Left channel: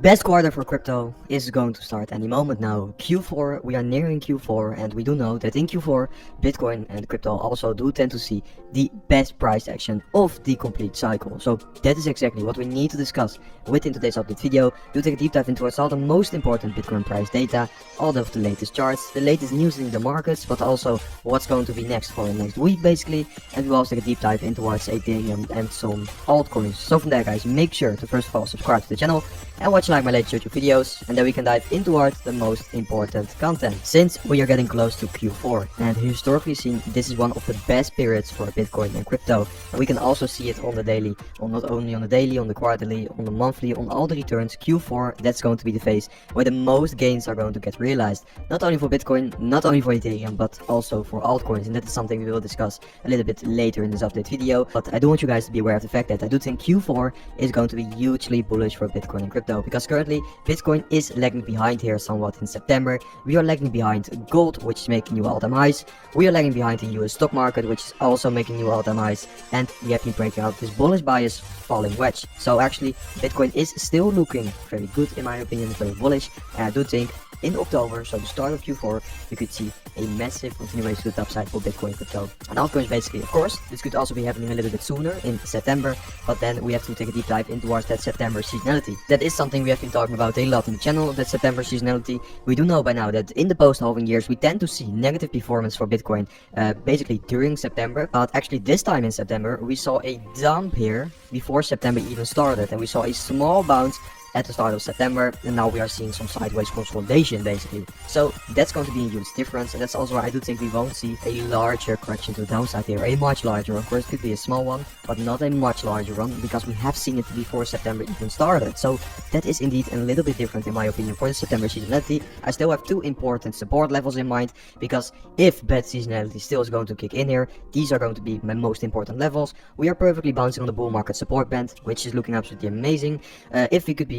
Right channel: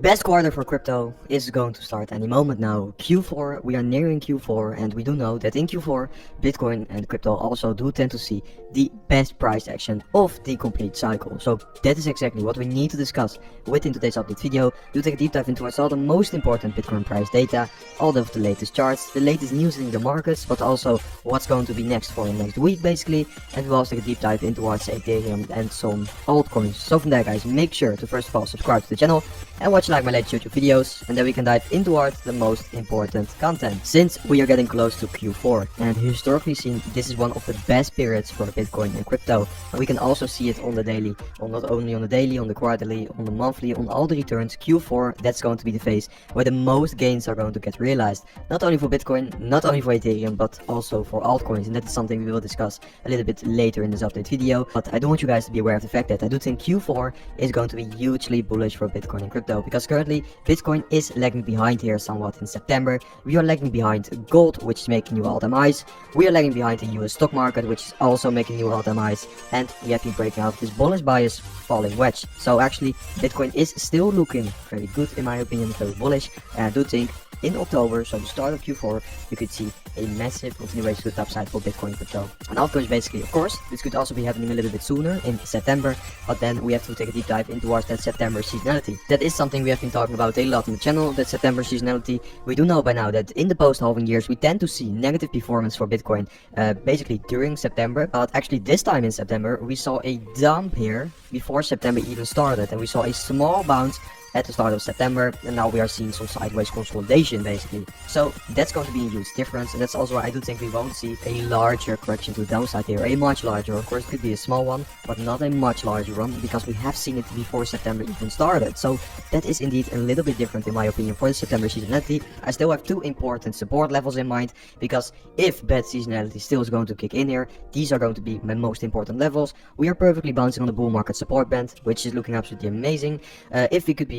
Best quarter for crypto is going to start any moment now. Q4, we are nearing Q4, and we do know that in Q4, Bitcoin and crypto also do tend to see the best price action of the complete cycle. So that is exactly what we need to discuss within today's update video. We'll take a deep dive into all the most important Bitcoin price data, all of the latest charts, the latest news in the markets, but also what's going to be next for the next week basically, and we'll also take a deep dive into Ethereum and some altcoins. So from there guys, make sure to first of all subscribe to the channel and watch like my latest YouTube videos, and then we can dive into the most important content. Since we are getting close to Q4, and historically seen, this is one of the best periods for Bitcoin and crypto. And we can also see it on the daily, not only on the daily, on the quarterly, on the monthly, on all the returns. Q4, that's going to be the phase where the most gains are going to get realized. Not only for Bitcoin, not only for Ethereum, but also for altcoins. And that is something we will discuss a little bit later in this update video. But I do want you guys to be aware of the fact that I do think Q4 is going to be hugely bullish for Bitcoin and crypto, because currently Bitcoin is lagging behind here somewhat in September. We are lagging behind gold, which is making new all-time highs. We are lagging behind the US stock market, which is also making new all-time highs, and we have been breaking out this bullish bias falling wedge. So actually Bitcoin is still looking very good in my opinion, very bullish, and I do think in October, so the start of Q4, you could see a massive continuation to the upside for Bitcoin and crypto. And altcoins basically, of course, this could also be happening a little bit sooner in September, but then we have to take a deep dive into that September seasonality. That is something we have been talking about a lot in the channel, that September seasonality. We do know by now that in the post-halving years, we tend to see negative performance for Bitcoin, basically during September, but actually this time in September, we saw a dump here before September even started, and we saw a small bounce at the start of September, and now we are seeing some sideways consolidation basically. So that's going to be a huge difference, and that's also why I do think we won't see a larger correction to the downside here. A much larger, of course, it could be a small one, but not a much larger one, because we have seen it before September even started. So that is indeed a little bit different in my opinion for the September seasonality. I still have two important support levels in mind, because if bad seasonality still is going to kick in here, these are going to be my most important levels. We are perfectly bouncing on the bull market support band, which is looking absolutely amazing.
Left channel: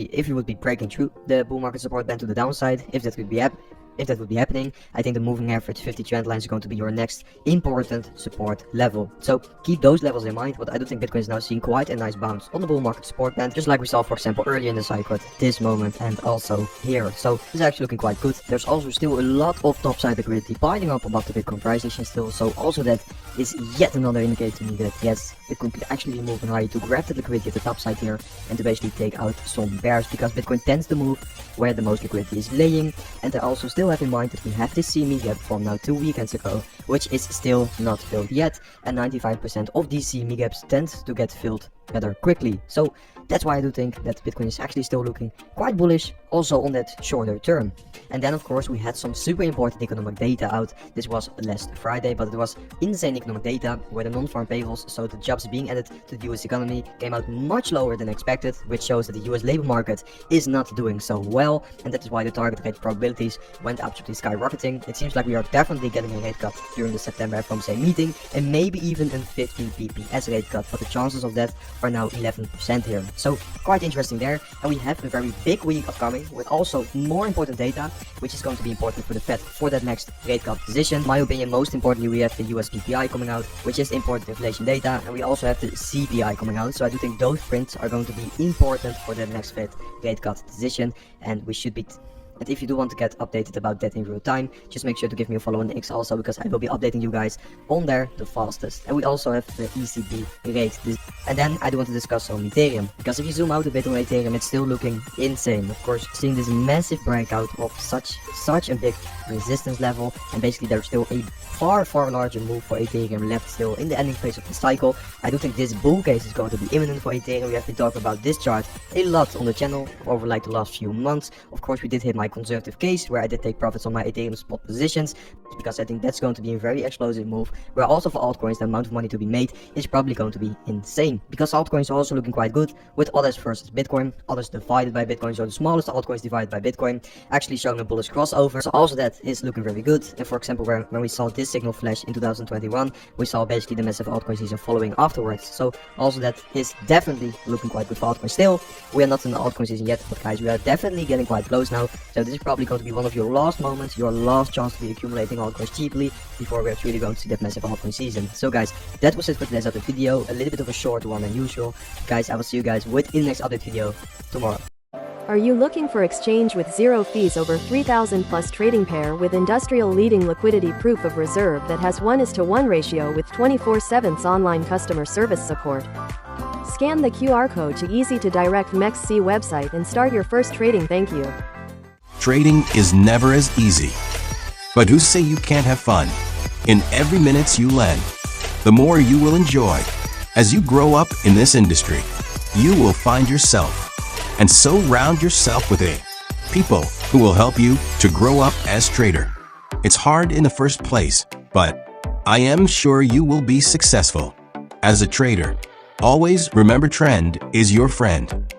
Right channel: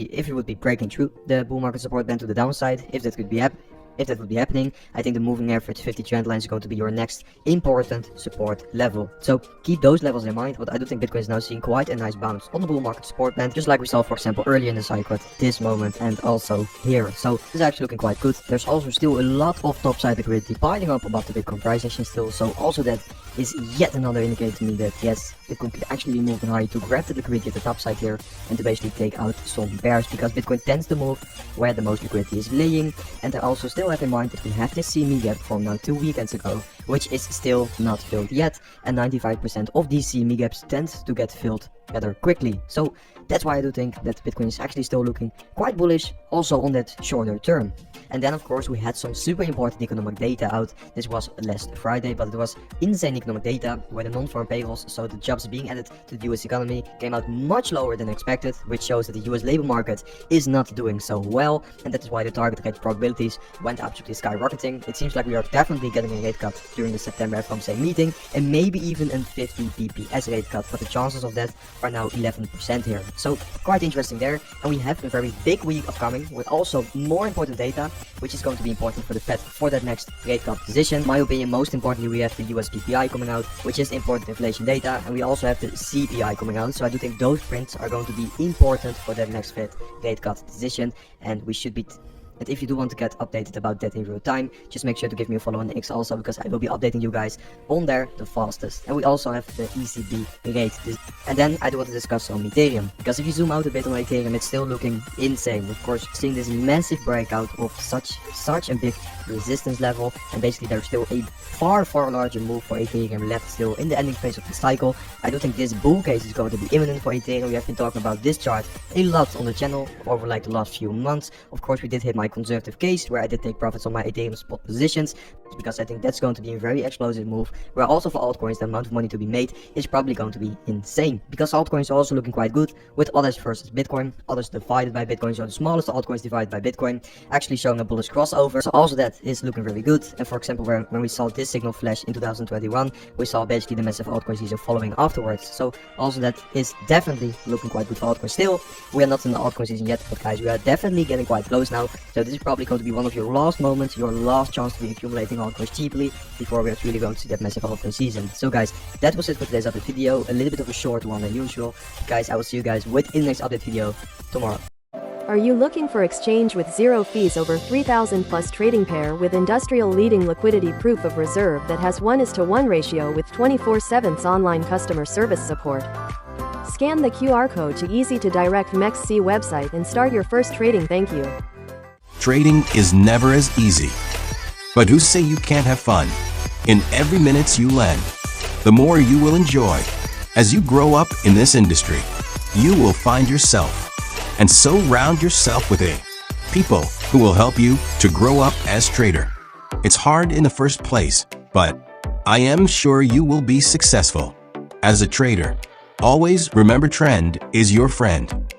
If we would be breaking through the bull market support band to the downside, if that would be happening, I think the moving average 50 trend line is going to be your next important support level. So keep those levels in mind. But I do think Bitcoin is now seeing quite a nice bounce on the bull market support band, just like we saw for example earlier in the cycle at this moment and also here. So this is actually looking quite good. There's also still a lot of topside liquidity piling up above the Bitcoin price action still, so also that is yet another indicator to me that yes, Bitcoin could actually be moving higher to grab the liquidity at the top side here and to basically take out some bears, because Bitcoin tends to move where the most liquidity is laying. And I also still have in mind that we have this CME gap from now 2 weekends ago, which is still not filled yet, and 95% of these CME gaps tend to get filled rather quickly. So that's why I do think that Bitcoin is actually still looking quite bullish also on that shorter term. And then of course we had some super important economic data out. This was last Friday, but it was insane economic data where the non-farm payrolls, so the jobs being added to the US economy, came out much lower than expected, which shows that the US labor market is not doing so well, and that is why the target rate probabilities went absolutely skyrocketing. It seems like we are definitely getting a rate cut during the September FOMC meeting, and maybe even a 50 BPS rate cut, but the chances of that are now 11% here. So quite interesting there, and we have a very big week upcoming with also more important data, which is going to be important for the Fed for that next rate cut decision. In my opinion, most importantly, we have the US PPI coming out, which is important inflation data, and we also have the CPI coming out. So I do think those prints are going to be important for that next Fed rate cut decision, and we should be. But if you do want to get updated about that in real time, just make sure to give me a follow on X also, because I will be updating you guys on there the fastest. And we also have the ECB rate. And then I do want to discuss on Ethereum, because if you zoom out a bit on Ethereum, it's still looking insane. Of course, seeing this massive breakout of such a big resistance level, and basically there's still a far larger move for Ethereum left still in the ending phase of the cycle. I do think this bull case is going to be imminent for Ethereum. We have been talking about this chart a lot on the channel over like the last few months. Of course, we did hit my conservative case where I did take profits on my Ethereum spot positions, because I think that's going to be a very explosive move, where also for altcoins the amount of money to be made is probably going to be insane, because altcoins are also looking quite good with others versus Bitcoin, others divided by Bitcoin, so the smallest altcoins divided by Bitcoin actually showing a bullish crossover. So also that is looking very good. And for example, when we saw this signal flash in 2021, we saw basically the massive altcoin season following afterwards. So also that is definitely looking quite good for altcoins. Still, we are not in the altcoin season yet, but guys, we are definitely getting quite close now. So this is probably going to be one of your last moments, your last chance to be accumulating altcoins cheaply before we actually go to that massive altcoin season. So guys, that was it for today's update video. A little bit of a short one than usual. Guys, I will see you guys within the next update video tomorrow. Are you looking for exchange with zero fees over 3,000 plus trading pair with industrial leading liquidity proof of reserve that has 1:1 ratio with 24/7 online customer service support? Scan the QR code to easy to direct MEXC website and start your first trading. Thank you. Trading is never as easy. But who say you can't have fun? In every minute you lend, the more you will enjoy. As you grow up in this industry, you will find yourself and surround yourself with people who will help you to grow up as trader. It's hard in the first place, but I am sure you will be successful. As a trader, always remember trend is your friend.